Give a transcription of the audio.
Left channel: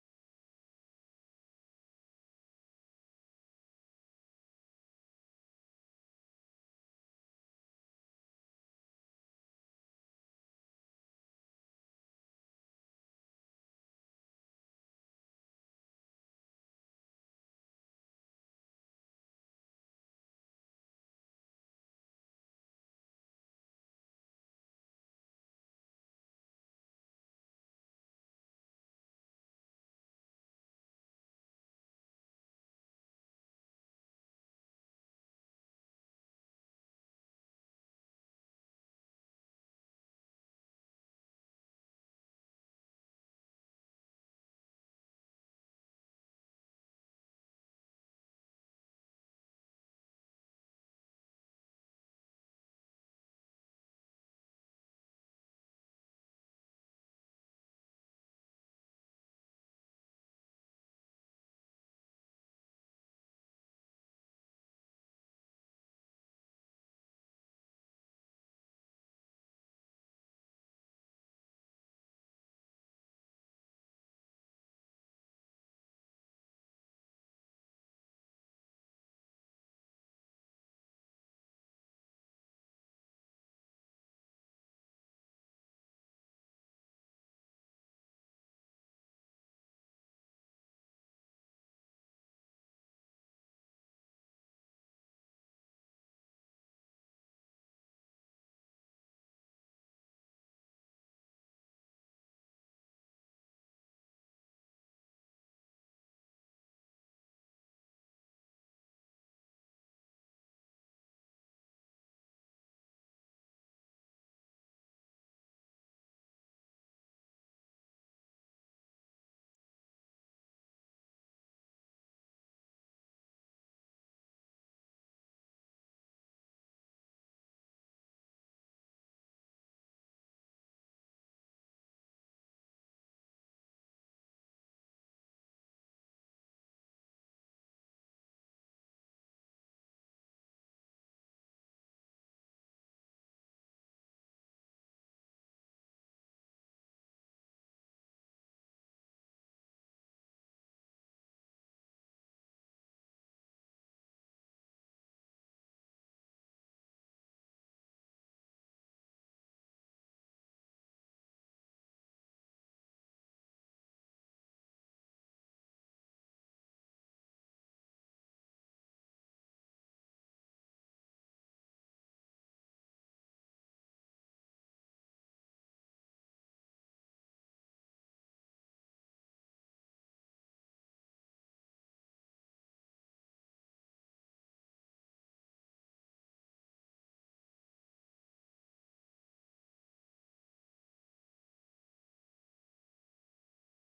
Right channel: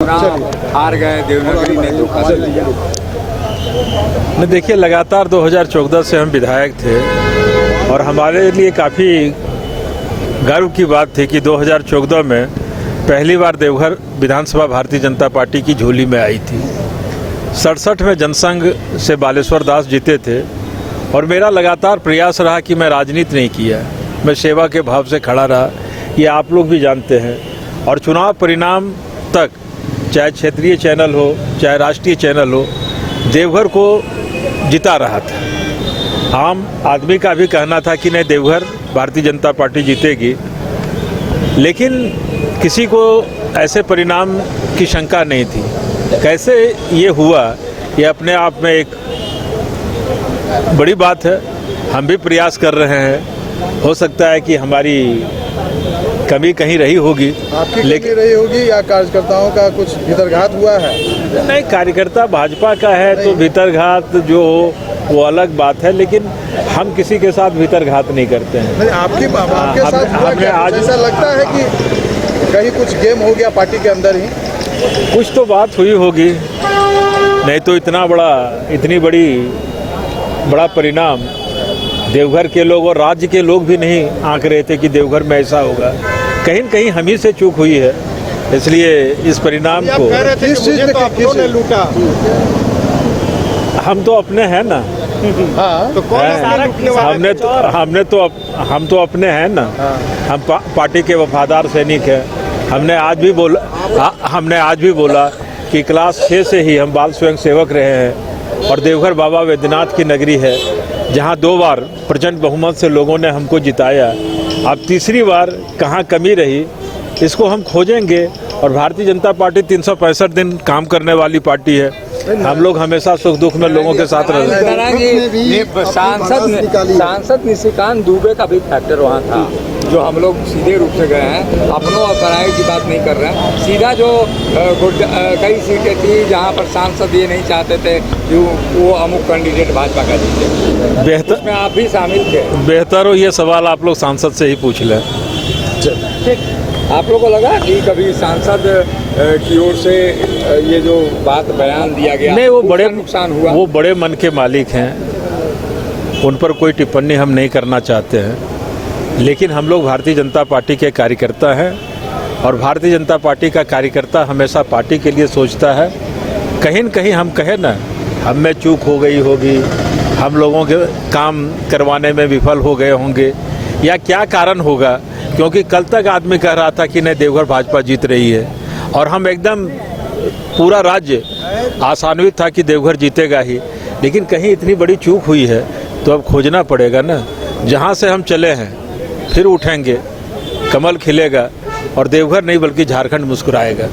हार गए, देवनागरी ने धोखा दिया। नहीं, देखिए, लगातार 2014 से हम विधायक थे और हमारे लिए काफ़ी गर्व की बात थी कि 2014 में पहली बार देवघर विधानसभा भारतीय जनता पार्टी की झोली में आई थी। 67 में जनसंघ से बालेश्वर दास जीते थे और मेरा लगातार प्रयास रहा कि मैं राजनीति नहीं किया, मैं सेवा के भाव से खड़ा रहा। ये आप लोग भी जानते हैं। और चुनाव परिणाम तक, चाहे क्षेत्रीय चैनल हो चाहे राष्ट्रीय चैनल हो, देवघर को जिता रहा था। आम आदमी का भी कहना था कि नहीं, देवघर भारतीय जनता पार्टी जीतेगी, लेकिन किसी को ऐसे परिणाम की शंका नहीं थी। कैसे ये हुआ, ये अपने आप में एक बड़ी बात है। हम भी प्रयास कर रहे हैं। हो सकता है कि हमारी कमी कहीं रही होगी, आपकी कमी रही होगी या कार्यकर्ताओं का कुछ भीतरघात हुआ है? नहीं, कार्यकर्ता भाजपा का है तो भीतरघात जो हो वो अलग बात है, लेकिन हम किसी के साथ भीतरघात नहीं करते हैं। नहीं, आपके साथ हुआ क्या? आज ऐसा लगता है कि कहीं कुछ गेम हो गया पार्टी के अंदर ही? कुछ तो बात हुई होगी, नहीं तो इतनी बड़ा परिणाम देवघर के लोग और राज्य के लोग भी नहीं आंक रहे थे कि देवघर में ऐसा होगा। कहीं न कहीं हम ही से चूक हुई है, इसलिए इस परिणाम को किस चीज ने लूटा? हम तो अपने हैं ना। हाँ, तो कौन हम तो अपने हैं ना। हम पार्टी के वफादार सैनिक हैं। हमने आज भी बोला कि क्लास 6 से ही हम बाल स्वयं सेवक रहे हैं और देवघर बाबा वैद्यनाथ की नगरी है, जहां 2 बार प्रचंड बहुमत से लोगों ने हमको जिताया। अब तीसरी बार कहां कमी रही, इसको हम खोजेंगे। और भारतीय जनता पार्टी 365 दिन काम करने वाली पार्टी है। हम लोग हमेशा सुख दुख में लोगों के साथ रहते हैं। सांसद निशिकांत दुबे का भी फैक्टर वहाँ था, जो हम लोग सीधे रूप से गए हैं, अपनों और पराये की बात नहीं कर रहे हैं। सीधा जो कई सीटें थी जहाँ पर सांसद ये नहीं चाहते थे कि वो अमुक कैंडिडेट भाजपा का जीते, बेहतर में आप भी शामिल थे। बेहतर हो ये सवाल आप लोग सांसद से ही पूछ लें। आप लोगों को लगा कि कभी सांसद की ओर से ये जो बात बयान दिया गया, नहीं, वो बड़े नुकसान हुआ? वो बड़े मन के मालिक हैं, उन पर कोई टिप्पणी हम नहीं करना चाहते हैं। लेकिन हम लोग भारतीय जनता पार्टी के कार्यकर्ता हैं और भारतीय जनता पार्टी का कार्यकर्ता हमेशा पार्टी के लिए सोचता है। कहीं न कहीं हम कहें ना, हम में चूक हो गई होगी, हम लोगों के काम करवाने में विफल हो गए होंगे, या क्या कारण होगा, क्योंकि कल तक आदमी कह रहा था कि नहीं, देवघर भाजपा जीत रही है और हम एकदम पूरा राज्य आशान्वित था कि देवघर जीतेगा ही। लेकिन कहीं इतनी बड़ी चूक हुई है तो अब खोजना पड़ेगा ना। जहां से हम चले हैं फिर उठेंगे, कमल खिलेगा और देवघर नहीं बल्कि झारखंड मुस्कुराएगा।